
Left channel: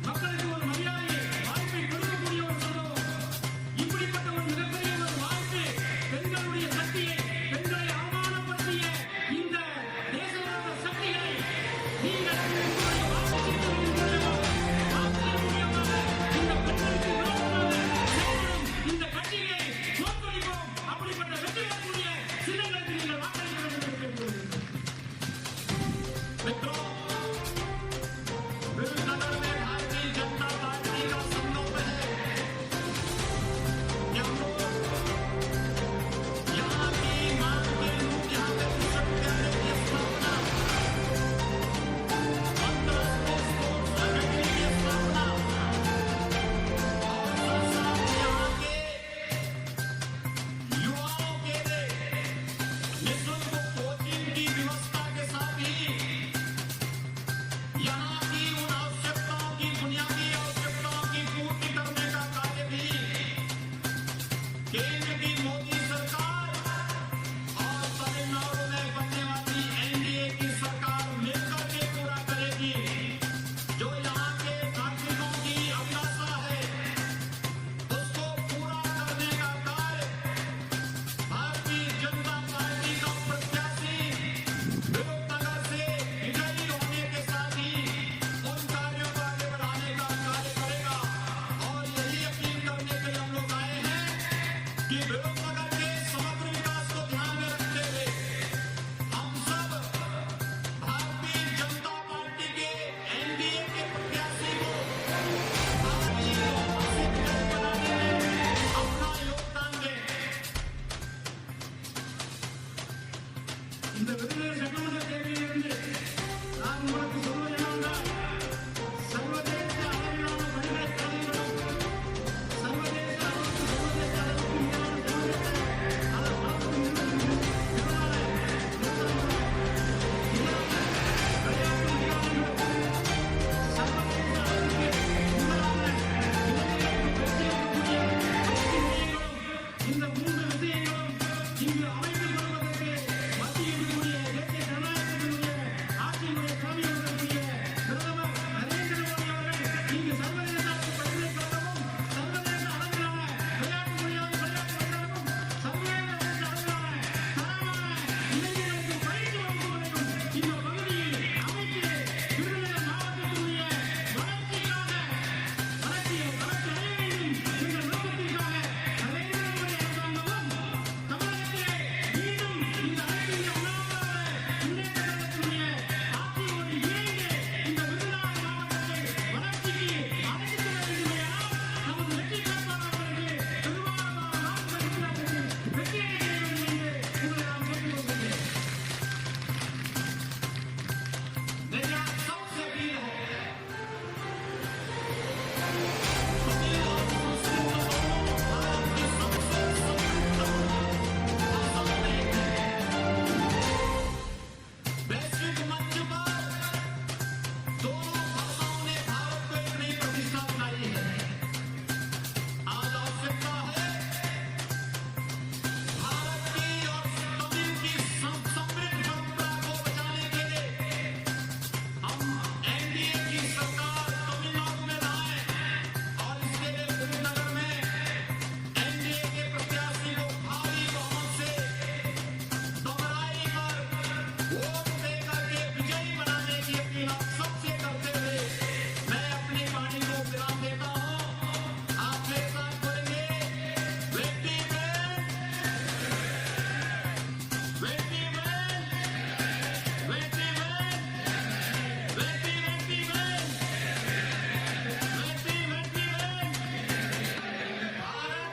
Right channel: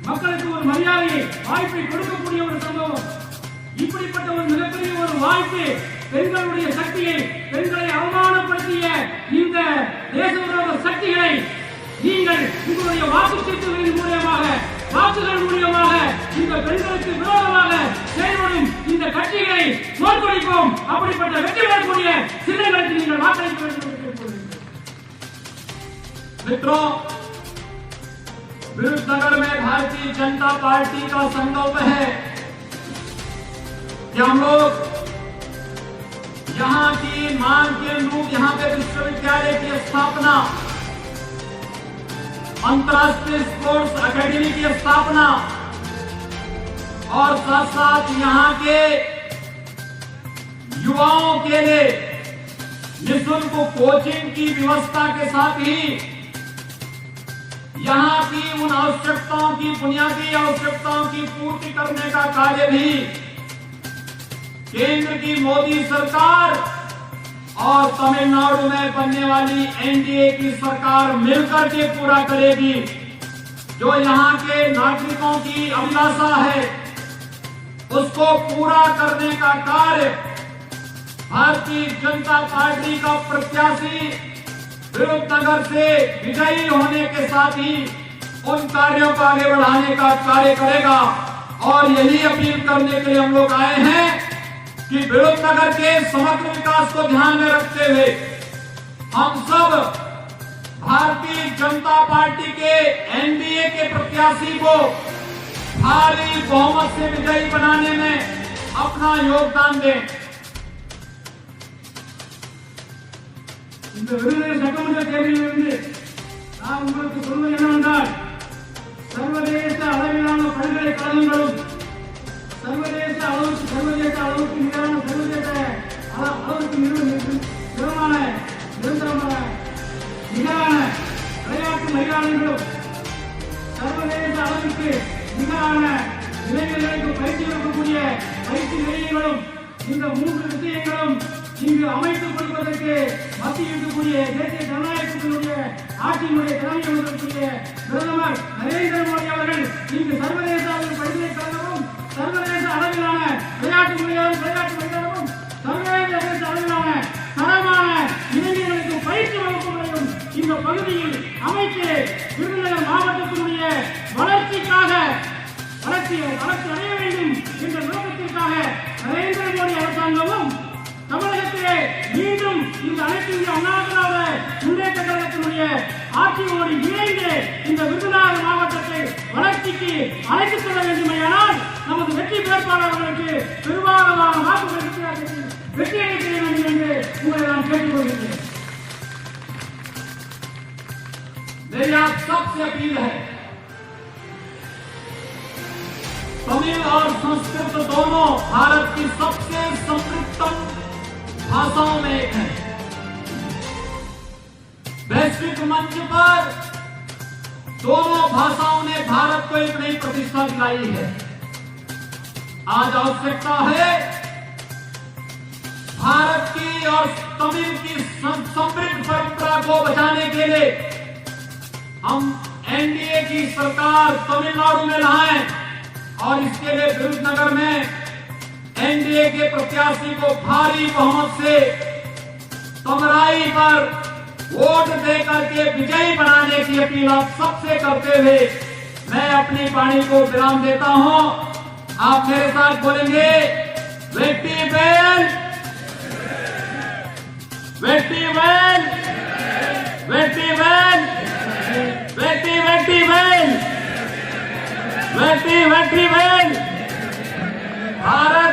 மக்களுக்கு ஒரு மரியாதையை வாய்ப்பை கொடுக்கக்கூடிய ஒரு சம்பவம். இப்படிப்பட்ட ஒரு மிகப்பெரிய ஒரு வாய்ப்பு பெண்களுடைய சக்தியை, பெண்களை அவமானப்படுத்திய இந்த தேச விரோத சக்திகளை நீங்கள் உங்களுடைய வாக்குச்சீட்டுகளின் மூலமாக, வாக்குகள் மூலமாக இந்த பெண்களுக்கு விரோதமாக செயல்படும் இந்த கட்சிகளை தோற்கடிப்போம். அப்படிப்பட்ட வெற்றி பெறக்கூடிய சின்னங்களுக்கு நீங்கள் வாக்களிக்க வேண்டும் என்று मित्रों, विरुद्धनगर में भारतीय जनता पार्टी का संकल्प है कि हम लोग यहाँ की मांग के अनुरूप यहाँ पे विश्वविद्यालय की स्थापना, अंतर्राष्ट्रीय स्पोर्ट्स एकेडमी की स्थापना और साथ साथ यहाँ के युवाओं के लिए निःशुल्क कोचिंग की व्यवस्था के साथ ही यहाँ की उन आवश्यकताओं की, बुनियादी आवश्यकताओं की पूर्ति करने का कार्य भी केंद्र की मोदी सरकार और तमिलनाडु में बनने वाली एनडीए की सरकार मिलकर के पूरा करेगी। जो यहाँ के नागरिकों की अभिलाषा है, उसको पूरा करने का कार्य भारतीय जनता पार्टी का प्रत्याशी विरुद्धनगर से विजयी होने के साथ ही उन कार्यों को आगे बढ़ाने का कार्य करेगा। और यही अपील करने के लिए हम लोग आए हैं कि विरुद्धनगर के समग्र विकास को ध्यान में रखते हुए हम सब भारतीय जनता पार्टी के एनडीए के प्रत्याशी को भारी बहुमत से विजयी बनाने में अपना योगदान दें। இந்த விருதுநகர் சட்டமன்ற தேர்தலிலிருந்து நான் உங்களுக்கு சொல்வது என்னவென்றால், சர்வதேச அளவிலான பல்கலைக்கழகங்களும் சர்வதேச அளவுக்கு மீதான சர்வதேச அளவுக்கு நிகரான விளையாட்டு மைதானங்களும் சர்வதேச அளவிற்கு நிகரான இளைஞர்களுக்கு பயிற்சி அளிக்கக்கூடிய பயிற்சி நிலையங்களும் இந்த மூன்று விஷயங்களும் இங்கு அமைத்துக் கொள்வதற்கு மத்தியில் இருக்கக்கூடிய தேசிய ஜனநாயகத்தினுடைய ஆட்சியினுடைய தலைமை இருக்கக்கூடிய பிரதமர் நரேந்திர மோடி அவர்கள் இங்கு சர்வதேச அளவில் பல்கலைக்கழகமும் சர்வதேச அளவிலான விளையாட்டு மைதானமும் சர்வதேச அளவிலான தரமான இளைஞர்களுக்கு பயிற்சி வகுப்புகளையும் இந்த பகுதியில் அமைத்து விருதுநகர் மாவட்டத்தினுடைய வளர்ச்சிக்காக வளர்ச்சி அடைய வேண்டும் என்ற நோக்கத்திற்காக நரேந்திர மோடி அரசாங்கமும் தமிழகத்திலே மீண்டும் இந்த அனைத்து இந்திய அண்ணா திராவிட முன்னேற்ற கழகத்தினுடைய ஆட்சியோடு இணைந்து இந்த விருதுநகர் மாவட்டத்தை வளர்ச்சிக்கு அழைத்துச் செல்ல வேண்டுமையானால் நமது வெற்றி வேட்பாளர்களுக்கு பெரும்பாலான வாக்குகள் வெற்றி அளிக்க வேண்டும் என்று உங்களை आप सबसे अपील है, तमिल और संस्कृत दोनों भारत की सबसे समृद्धतम भाषाओं में एक है। वैश्विक मंच पर दोनों भाषाओं ने भारत को एक नई प्रतिष्ठा दिलाई है। आज आवश्यकता है भारत की और तमिल की समृद्ध परंपरा को बचाने के लिए हम एनडीए की सरकार तमिलनाडु में लाएं और इसके लिए विरुद्धनगर में एनडीए के प्रत्याशी को भारी बहुमत से तमराई पर वोट देकर के विजयी बनाने की अपील आप सबसे करते हुए मैं अपनी वाणी को विराम देता हूं। आप मेरे साथ बोलेंगे, वेट्टी वेल, वेट्टी वेल, वेट्टी वेल, वेट्टी वेट्टी वेल, वेट्टी वेट्टी वेल। भारत